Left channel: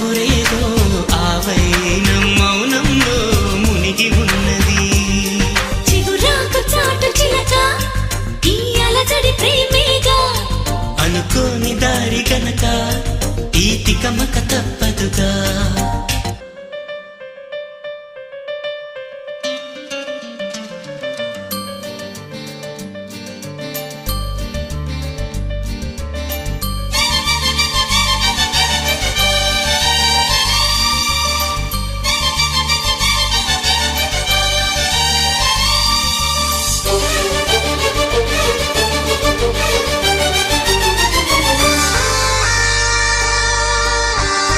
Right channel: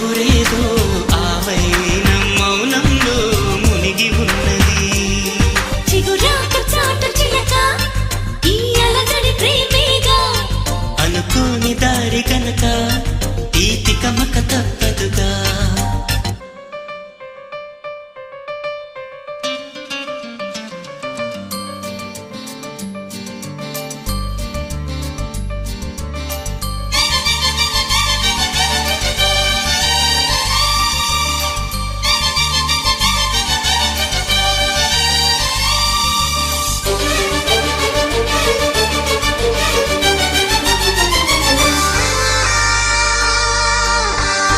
కబురేదో ఆవైన మౌనంలో మునిగి ఉన్నది. చిగురాక చాటు చిలక ఈ అలజడి ప్రేమేగా, అనుకోని దారి గనక ఈ తికమక తప్పదుగా.